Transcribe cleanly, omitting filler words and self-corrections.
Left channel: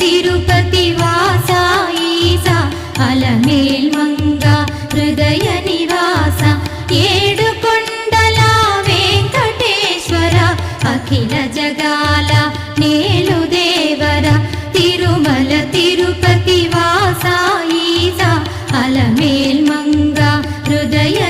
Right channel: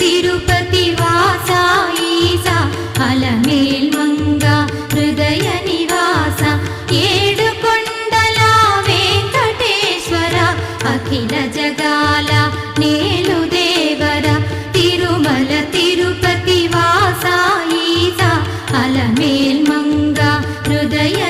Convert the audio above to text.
తిరుపతి వాస ఈస అలమేల్ మంగ హృదయ నివాస ఏడు కొండల వెంకటేశ్వర అఖిల జగాల నేలు దేవర తిరుమల తిరుపతి వాస ఈస అలమేల్ మంగ హృదయ